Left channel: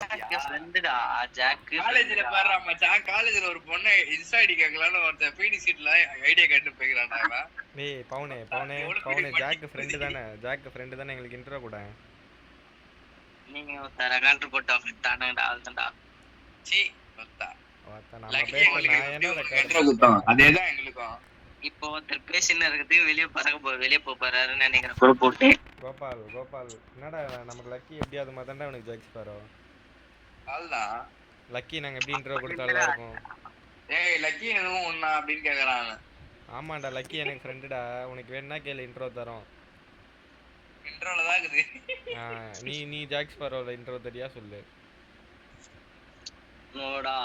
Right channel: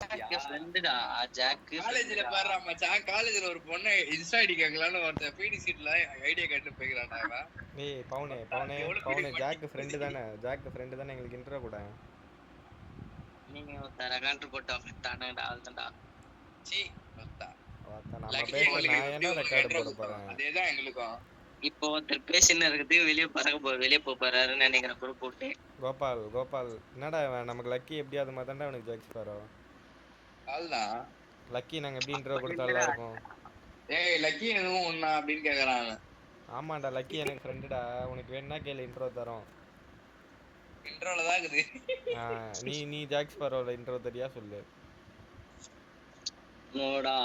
ஃப்ரெண்டுடா jack. காலேஜ்ல பாரு மச்சான், காலேஜ்ல ஒரு பொண்ணை இன்ஸ்டா ஐடி கேட்கலான்னு ஒருத்தன் பிடி சீட்ல ஐடியா கேட்டு போய்க்கிறான்டா இவன். டேய் பவுனே ஜாக் ஃப்ரெண்டு தானே எங்களுக்கு இன்ட்ரோ கூட. நீங்க ஒருத்தர கண்ட்ரு போட்டு விட்டானுங்கடா அதுதான்டா. சீ ஒத்தா. நம்ம பேச நான் என்ன ரெக்கார்ட் குத்தம் அதேதான் எங்களுக்கும். இப்போ ஒருத்தர் பேசின்னு இருக்குது வெளியே போறாருன்னு நினைக்கிறேன் கூட போட்டு. கோபால் என்னடா நமக்கு லக்கி எப்படியாவது மாத்தாண்டா அவனுக்கு ஜாக்ஸ் பாரோ. அதுதான் லக்கி நாங்க எப்படி இன்ட்ரோ கொடுத்தாலும் இருக்கும். ஏய் லக்கி எதுவும் ஒண்ணா அப்படின்னு கேக்குறாங்க. ஆமாண்டா லக்கி எனக்கு ஃப்ரெண்டுடா, உனக்கு வேணா கேளு இன்ட்ரோ தரோம். இன்ட்ரோல தான் இருக்குது. நீ ஜாக்ஸ் பாரோல இன்ட்ரோ தெரியா சொல்லு. நோடா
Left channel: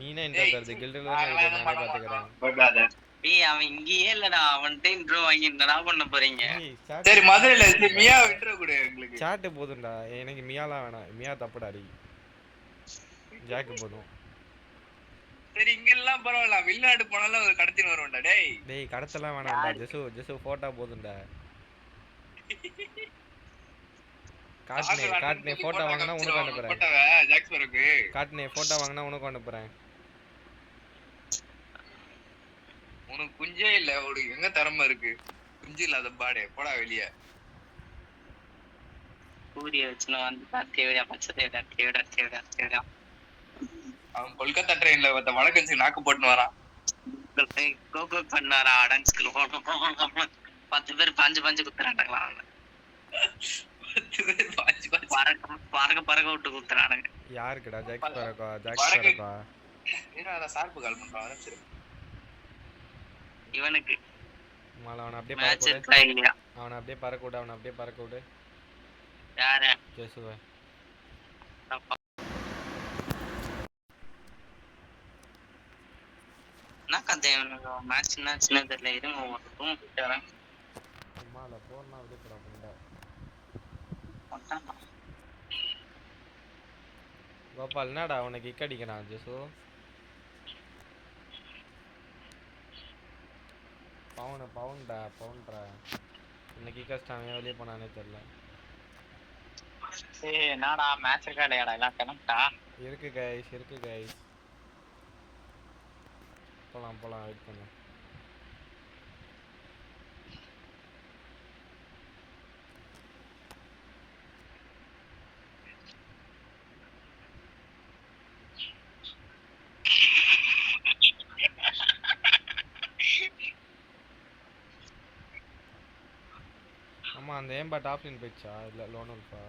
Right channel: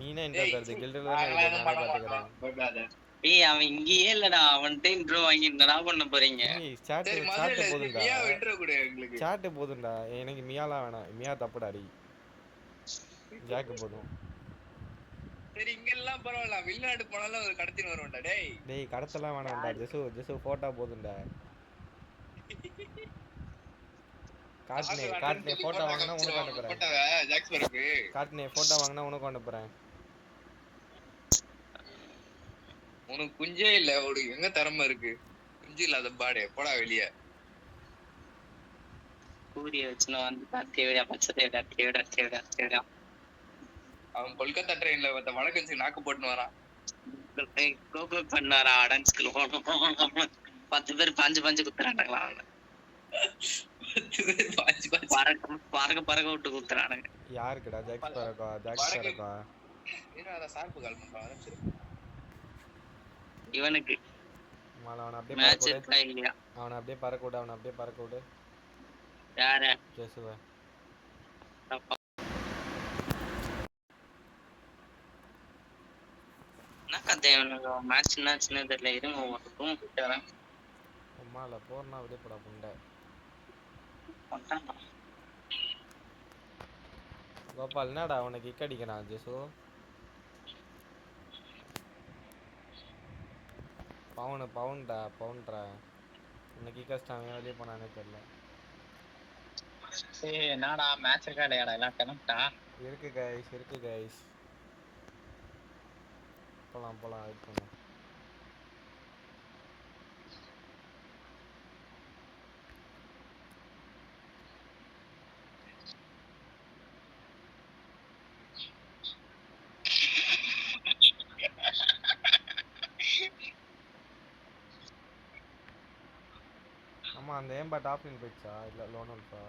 நீனே இன்ட்ரோ தரது கில்ட்ல நானே பாத்துக்கறேன். ஏய் அவன் இங்கேயே இல்லடா, அவன்கிட்ட இன்ட்ரோ வாங்கி என்னடா பண்ண போறீங்க? சரி மதுரையில மியா இன்ட்ரோ கொடு எங்களுக்கு. சாட் போதும்டா, எனக்கு மியாலாம் வேணாம். மியா தப்புடாடி, ஜாக் போதும். சரி இங்க எல்லாம் பரவாயில்ல, வெளிநாடு போனாலும் ஒரு கடத்தின்னு வருவோம்டா. டேய் கடத்தலாம் வேணாம்டா, ஜெசு போட்டோ போதும்டா. காட்னே போட்டோ வாங்குனா உனக்கு அனுப்புறேன். ஜாக்ஸ் பருக்கு காட்னே போட்டோ வாங்குனா உனக்கு அனுப்புறேன். உனக்கு குஞ்சே இல்ல, உனக்கு எங்க திறமை இருக்கு? குஞ்சு இல்லாத பாடே போடா வெளிய. சூரிய வச்சுனா வந்து தேவையா. அவன் கொல்கத்தா ட்ரெயின்ல வடக்கன்சி நாக்கு போட்டுன்னு வரான். கோகோ பண்ணாரா அடன்ஸ்க்கு 10 பேர் பாஞ்சு குத்துறானுங்களா? 10 பேர் பறக்க விட்டு குத்துறானுங்க. யாருக்குடா? ஜாக்ஸ் பரக்கா. ஏன்னா சார்பு கால் பண்றான். சரி இவனுக்கு அவனை அப்படியே பறக்க விடு. யார? ஜெசுவ. என்ன கதை இவனுக்கு? மேட்ச்னா தெரியல. இருங்க ரூம் போயிட்டு வரேன். அம்மால போறனா அப்படியே போடா புண்டை. கோபால் என்னடா உனக்கு கிக் அடிக்கிறான் ஜெசு? பவுன்டா இன்னைக்கு கஷ்டம் வெளியே போனானே தெரியல. என்னடா மேட்ச் இருக்காடா எல்லாம் கனெக்டா இருக்கு கைஸ் போலாம் வெயிட் பண்ணு. ஆமா அந்த ஏம்பா டாப் லைன் போயிடுச்சா? இல்ல லோனல்ஃபா